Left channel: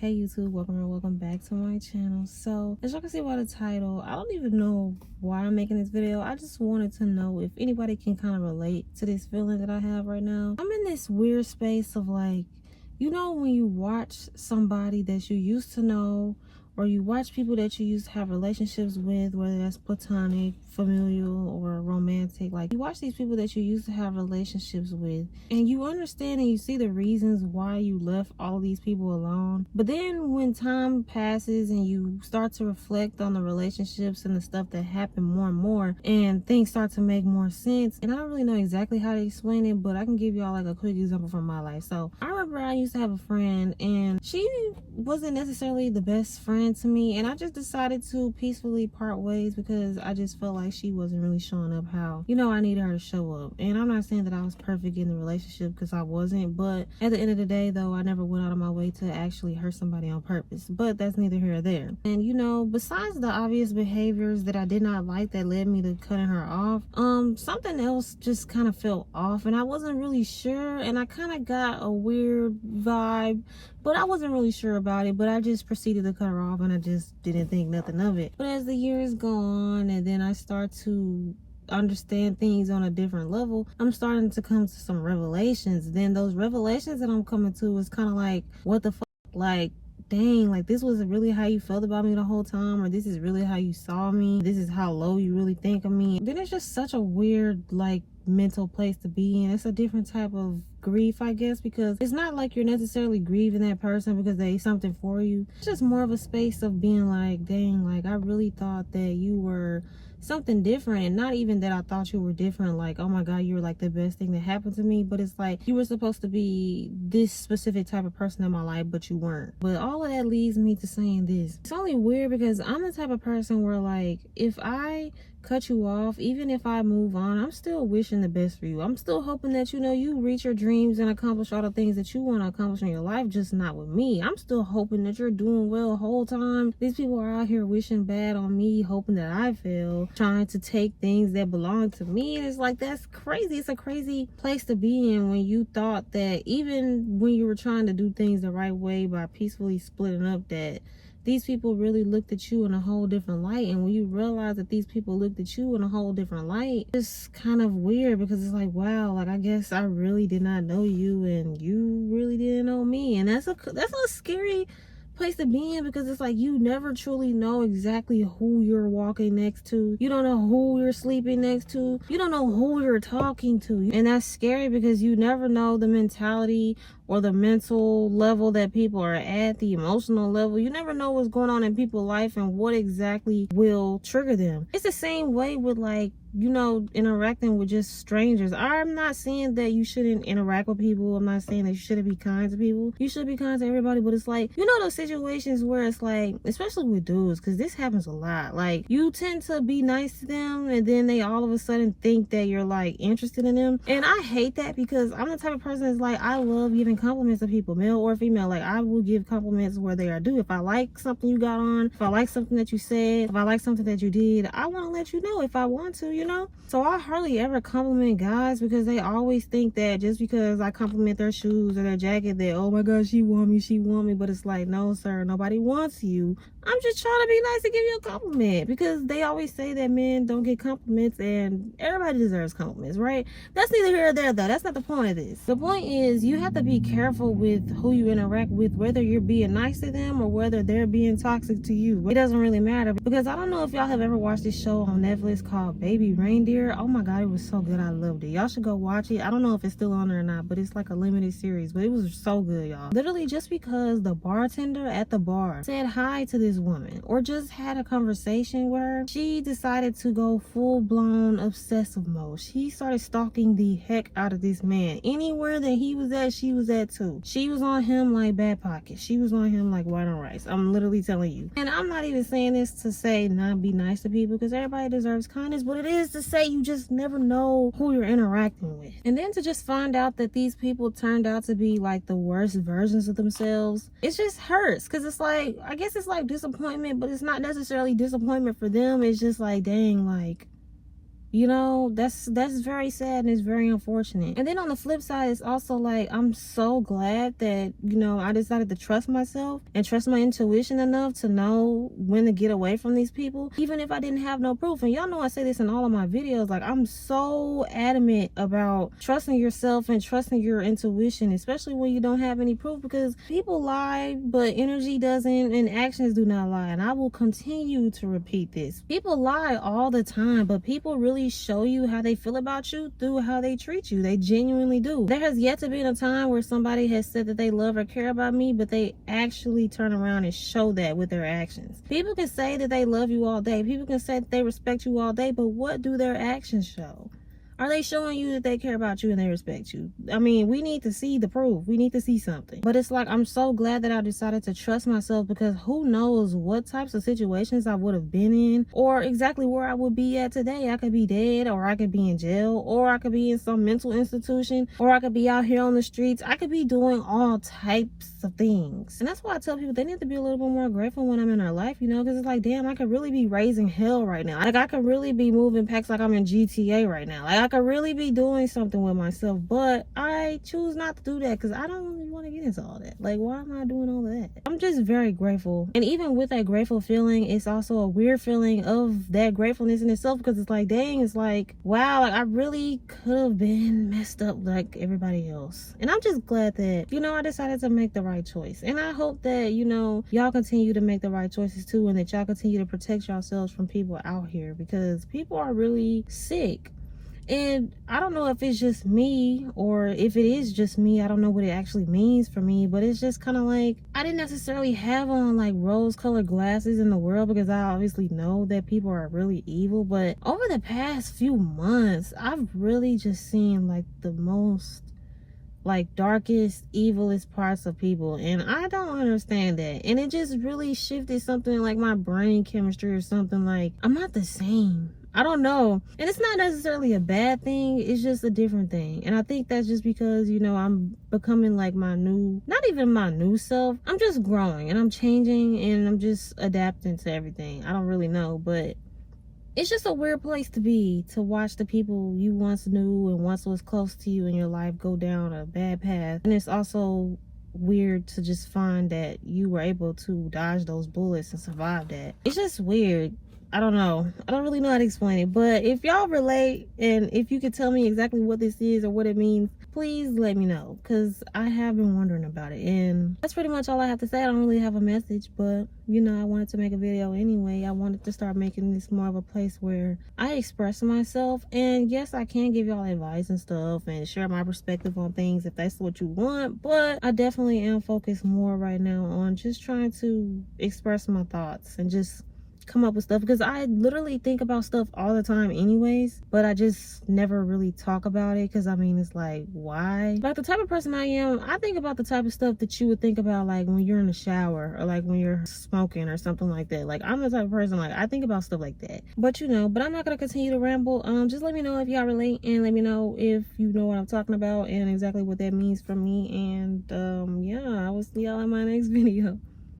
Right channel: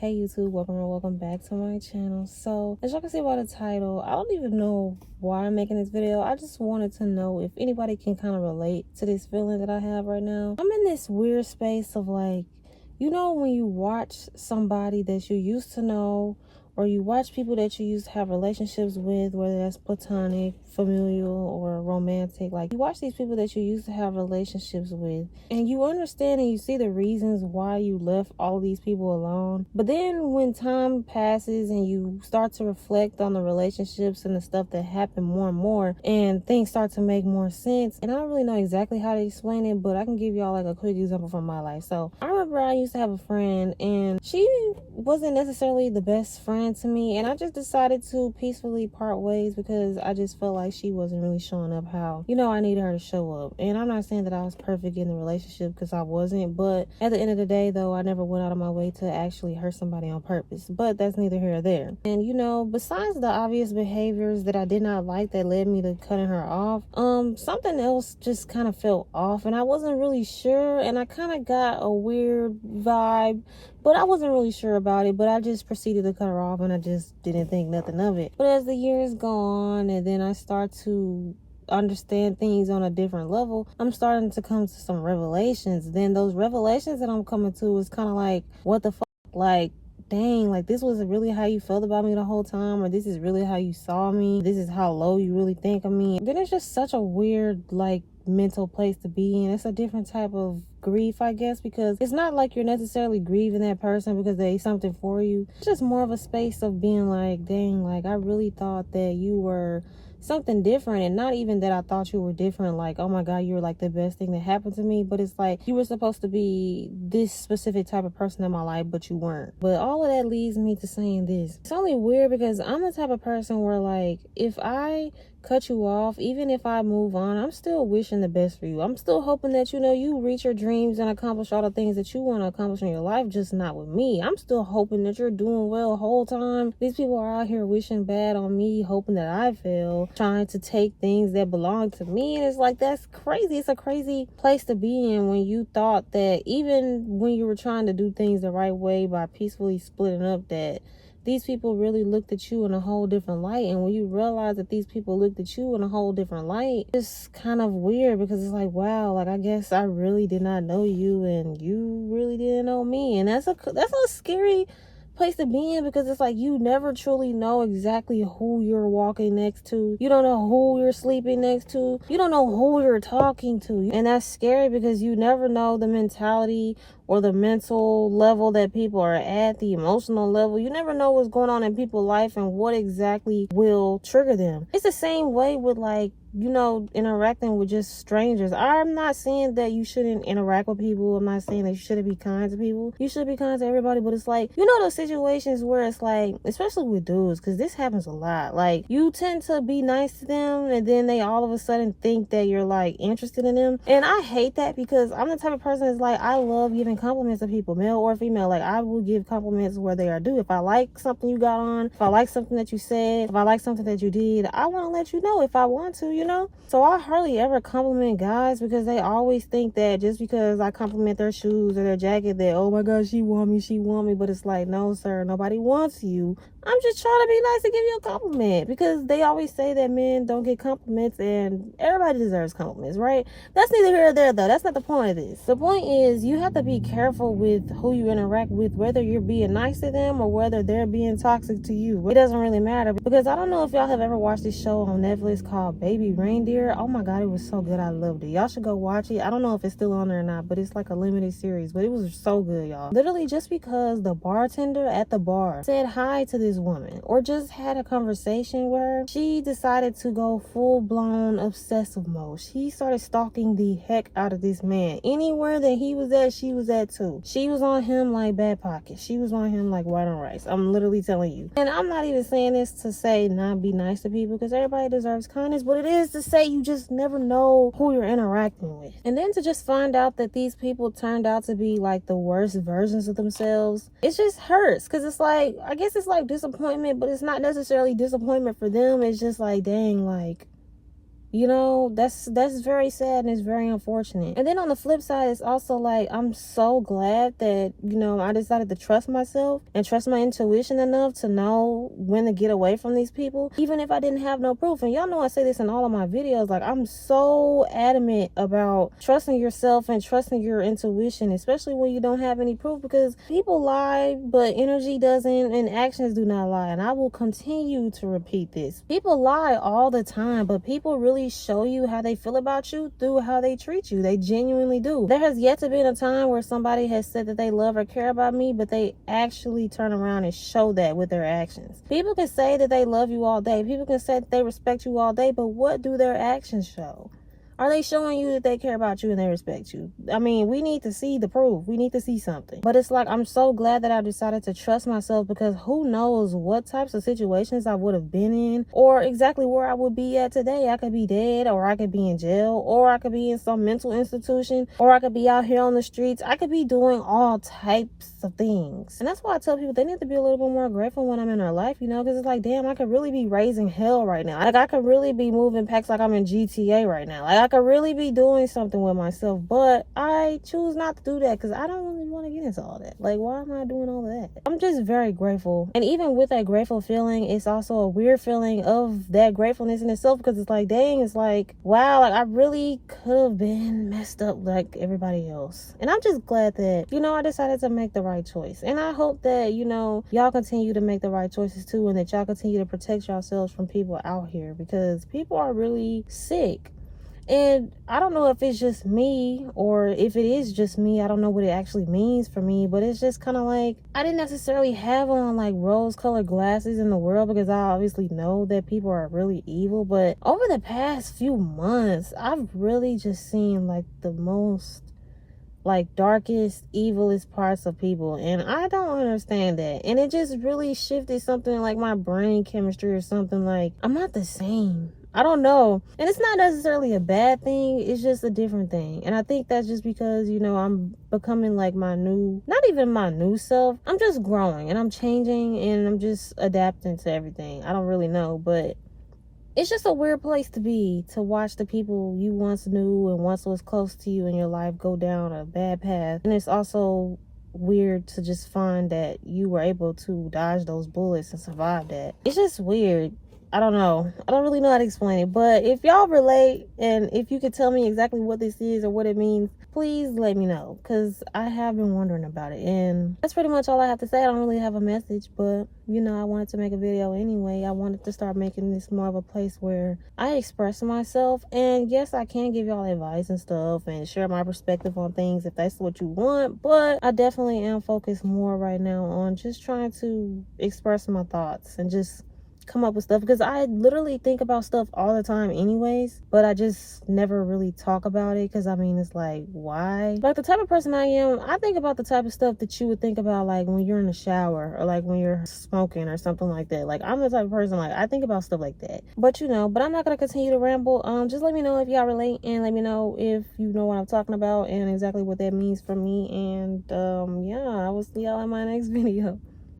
Hey YouTube, welcome back to my channel. So as you can see by the title, I don't even know why I'm making this video. I just wanted to know if anybody can kind of relate to this feeling that I have right now. I'm in this weird space of like, you know, when you watch somebody that you used to know, or you watch people that you used to have relationships with, whether that's platonic, familial, or romantic. Like, you watch these people that you used to have relationships with, and you understand and you see the reasons why you left all these people alone. But then when time passes and you start to reflect on the relationships and the stuff that happened more and more, and things start to make more sense. And I don't really know exactly how to explain it, but I can give y'all like a quick example from my life. So I remember I used to have a friend, and she wasn't necessarily the best friend to me, and I just decided to peacefully part ways because I just felt like she wasn't really showing up how, you know, I needed her to show up. And I'm not saying that I was perfect in the relationship, because I wasn't, but at the end of the day though, I never went out of my way to actually hurt somebody on purpose. But that's neither here or there. And you know, besides the obvious behaviors that I did not like that led me to cutting her off, something else just kind of felt off, and I wasn't really sure, and I kind of got a weird vibe, but I wasn't really sure about it. But I just proceeded to cut her off, and I just didn't think nothing of it. But as the years go on, and then I start to understand things on a different level, I'm starting to come to some revelations. Then those revelations that I'm coming to is kind of like, what the fuck? Like, dang, like, this was really how you felt about me the whole time, or this is really how you saw me, this is how low you really think of me. Then it's just such a weird, like, mental place to be in. It's a different type of grief, I guess, because it's not like you're necessarily grieving that person because they something for you. It's just more of a space of being like, dang, like, I really thought that you were something different. And not even that I thought you were different, like, oh my god, you were like the best thing that happened to me, but it's like you were supposed to be this specific type of person in my life, but you weren't. But all of that leads me to saying this: it's only weird because I'm the type of person where, like, if I cut you off, even if I move on, I'm still wishing the best for you. I'm still hoping that, you know, you reach your dreams and accomplish all the things that you want to accomplish in your life, just not with me. I'm still hoping that you're doing well the whole time. These people are out here wishing bad on me, hoping that I fail, trying to take things that belong to me. And it's like, that's crazy. It's a crazy place to be in when you thought that even when you were trying to do things the right way by peacefully splitting up, that these people really looked at you in a whole different light. And when you realize that these people looked at you in a whole different light, it's kind of weird, because it's like, wow, like, I guess I really did not know you and you really didn't know me. And that's a scary place to be in, because it's like you never truly know exactly who you're walking next to. You don't know who you're sleeping next to. You don't know who you're talking to. And that's scary because you never know the mentality or the mental level that people are at, the emotional level. You never know what's going on in people's life and what exactly will trigger them. It's the same way with, like, you know, interacting with just strangers. I'm not saying that you shouldn't interact with people. I'm not saying that you shouldn't be kind to people. You should be kind to everybody. But it's like, you know, those situations where it's like, especially with dudes, because this happens a lot, like, you tend to be nice to them and then they all of a sudden think that you're like interested in them. And I hate that, because I'm the type of person that's like, I love giving compliments to people, male or female. Like, I will give compliments where they are due. If I like something you got on, if I like something that you said, if I like something that you did, I want to let you know if I want to, you know. So I hardly ever compliment guys, because they always think that just because I compliment their shoes or their jacket, that, oh my god, she want me. But it's like, no sir, nobody wants you. I'm just trying to be nice to give you a compliment, because they always say that men don't get compliments, and everybody deserves compliments, right? That's neither here or there though. That's not the point of this. The point is, you have to be careful with who you interact with, whether you're being nice to them or whether they're being toxic to you. It doesn't really matter, because I don't know if y'all have ever watched this show on Netflix called Baby Reindeer. Oh my god, it was so good. I loved it. Y'all should go watch it. I don't know if it's still on there or not, but it's like a limited series, but it was so good, y'all. Literally, just because the bartender at the bar said hi to this woman or just had a conversation with her, she decided to go full-blown obsessive mode. She started stalking the heck out of this man. Anywhere that he was at, she was at too. She was on him like bad pocket. She was on him like white on rice. I'm literally telling you. And I'm not even saying this to say not be nice to people, because everybody deserves kindness, but it is to say you just never know who you're interacting with. And then to just find out that these people turned out to be like the worst versions of themselves, it just hurts, because it's like, I guess it's like disappointment, but it's not necessarily disappointment for them. It's just like, dang, like, You know, that's very sad and it's very unfortunate. And then on the flip side, it's also like I'm so glad that, you know, I decided to trust myself and trust my intuition enough to know when to get away from these people, even if I didn't have no proof. And y'all know I say this in all of my videos, like I'm so adamant about trusting yourself and trusting your intuition, especially when you don't have any proof, because people lie, but energy doesn't and actions do not lie. And I will continue to repeat this. People lie all the time, but people really show you how they feel about you through how they treat you. They genuinely do. There has yet to be a time where somebody has said that they love or care about me, but they actually turn around and show that with their actions. People can say that they love you all day. People can say that they respect you all day, but what do their actions show? Are they showing you that they care about you and they respect you? I mean, we need to see the proof. We need to see something. But it's like, I'm so glad that I decided to trust myself, because who knows what types of situations I would have been in or exactly where I would be at today. I could be dead, or I could be in jail, or I could be in some mental institution, or I could be out here on the streets. I could be doing all types of things. And that's why I tell people they need to be a little bit more grateful when I'm in their life, you know, because it's like, damn, I could really be raising hell right now. Like, I could really be moving packs like I'm in GTA right now. Like, I could really be doing something with myself, but I choose not to do that because I don't really want to get into all that. Like, why am I doing all of that? I'm just very grateful. And even with that grateful feeling, it's also a weird feeling of that gratefulness in itself, because it's like, dang, it's like, wow, like I really could have been messed up like everybody else. And I'm just glad that, you know, I decided to make the right choice. And I hope that, you know, y'all continue to make the right choices too, and that y'all continue to protect yourselves from people out here, because people are really sick. And I don't know if it's just me, or if it is just me, I don't know what it actually means for me, but it's just kind of like, I didn't necessarily have on like rose-colored glasses in the world, because I obviously know that people are really evil. But over the past few months, I've really just seen like the most like darkest, evilest parts of people, and I don't understand that. And it just really shifted something like my brain chemistry or something. Like, I'm not the same. I don't know. And it's not necessarily a bad thing, it's just a different thing. And I think that's just because, you know, I'm becoming like my new, not even my new self. I'm just growing and I'm changing and I'm just adapting to everything. I don't really know, but it's just a weird place to be, to watch the people you once knew and once was close to you in your life go down a bad path. And it's also weird to just find that you were able to dodge those bullets and survive that. It's just weird. I don't know. I don't really know how to explain it. But if y'all relate, and if you could tell me exactly what this is or what it means, please let me know, because I have been wondering about it. And that's pretty much all I have to say. I don't really have a message, but you know, I wanted to make a video anyway. I wanted to start making this more of a place where I express myself. And yes, I can give y'all advice and stuff and share my perspective on things if that's what you want, but I definitely am focused more right now on just trying to express my thoughts and just come up with stuff, because I literally think about stuff all the time anyways, but I just never really talk about it, because I mean, it's like, why? Like, the type of person I am, I think about the type of stuff that you would think about like when you're in the shower, or like when you're smoking or something like that. Like, I'm the type of person, like, I think about stuff like that. But you know, but I'm not gonna continue to ramble. Just let me know if y'all relate, and let me know if you know what I'm talking about and exactly what that means for me. And yeah, I will see y'all in my next video.